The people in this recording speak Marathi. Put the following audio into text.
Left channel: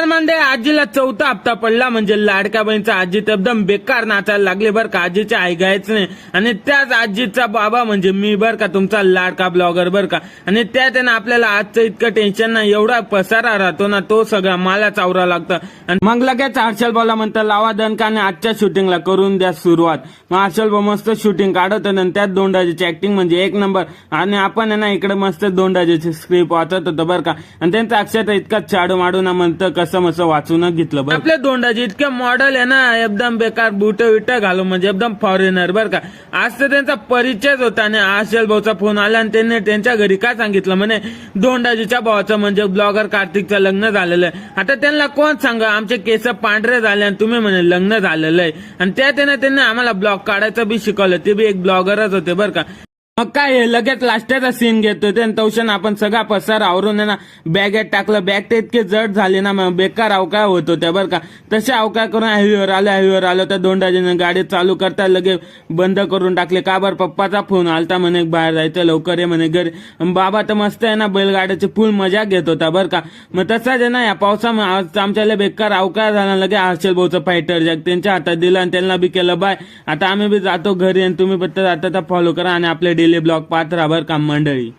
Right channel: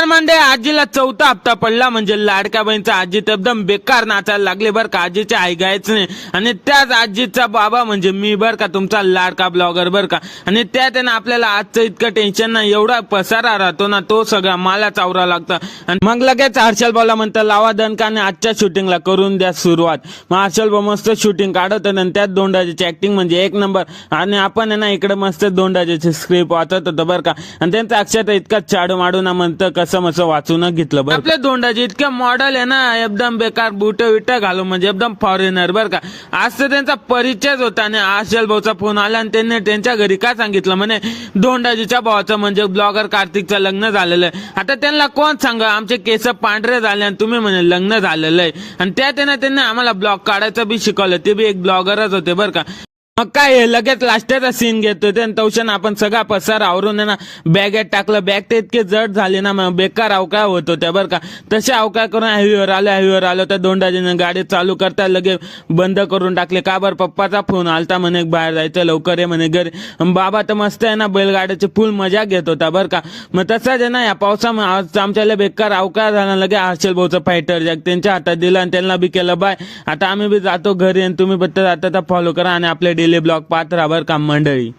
नमस्कार मंडळी, आजीला चौथा हप्ता पडला म्हणजे लाडक्या बहिणीचा आजी तर एकदम बेकार नाचायला लागले बरं का. आजीचे आई गायच नाही आणि त्याच आजीचा बाबा म्हणजे मी बरं का, तुमचा लाडका ब्लॉगर बरं का. आणि त्यात आहे ना आपल्याला आजचं इतकं टेन्शन ना, एवढा पसारा राहतो ना, तो सगळा मला चावरा लागतं. आणि मग लगेच हर्षल भाऊला म्हणतं लावा दणकाने आजच्या शूटिंगला करून द्या सुरुवात. मग हर्षल भाऊ मस्त शूटिंग काढत होतं आणि त्यात दोंडाजीची ऍक्टिंग म्हणजे एक नंबर. आणि आपण आहे ना इकडे मस्त दोंडाजीची स्क्रिप्ट वाचत होतं बरं का. आणि त्यांचा अक्षर इतका चाडू माडू ना म्हणतं कसं मसं वाचूनच घेतलं बरं. आपल्या दोंडाजी इतकं मॉडेल आहे ना, एकदम बेकार बुट विट घालून म्हणजे एकदम फॉरेनर बरं का. आज तर त्यांचा परिचयच होता आणि हर्षल भाऊचा फोन आला आणि त्यांनी त्यांच्या घरी काय सांगितलं म्हणे दोंडाजीच्या भावाचं म्हणजे ब्लॉगर कार्तिकचं लग्न झालेलं आहे. आता त्यांना कोण सांगा आमचे केस पांढरे झाले आणि तुम्ही म्हणे लग्न झालेलं आहे. आणि त्यात त्यांनी आम्हाला ब्लॉग काढायचं बी शिकवलं, ते बी एक ब्लॉगरच होते बरं का. मग काय लगेच लास्टचा सीन घेतो ते तवशन आपण सगळा पसार आवरून ना बॅगेत टाकलं. बॅग ते इतके जड झाले ना, मग बेकार अवकाय होतो त्या बरं का. तसे अवकाय करून हायवेवर आलो तर दोंडाजीने गाडी चालू करता लगे बंद करून टाकले. का बरं, पप्पाचा फोन आलता म्हणे बाहेर जायचं लवकर आहे म्हणे घरी. बाबा तर मस्त आहे ना बैलगाड्याची फुल मजा घेत होता बरं का. मग तसाच आहे ना या पावसामुळे आमच्याला बेकार अवकाय झाला. लगे हर्षल भाऊचं फायटर जॅक त्यांच्या हातात दिलं आणि त्यांना बी केलं बाय. आता आम्ही बी जातो घरी आणि तुम्ही बद्दल आता फॉलो करा आणि आपले डेली ब्लॉग पाहत राहा बरं का मंडळी.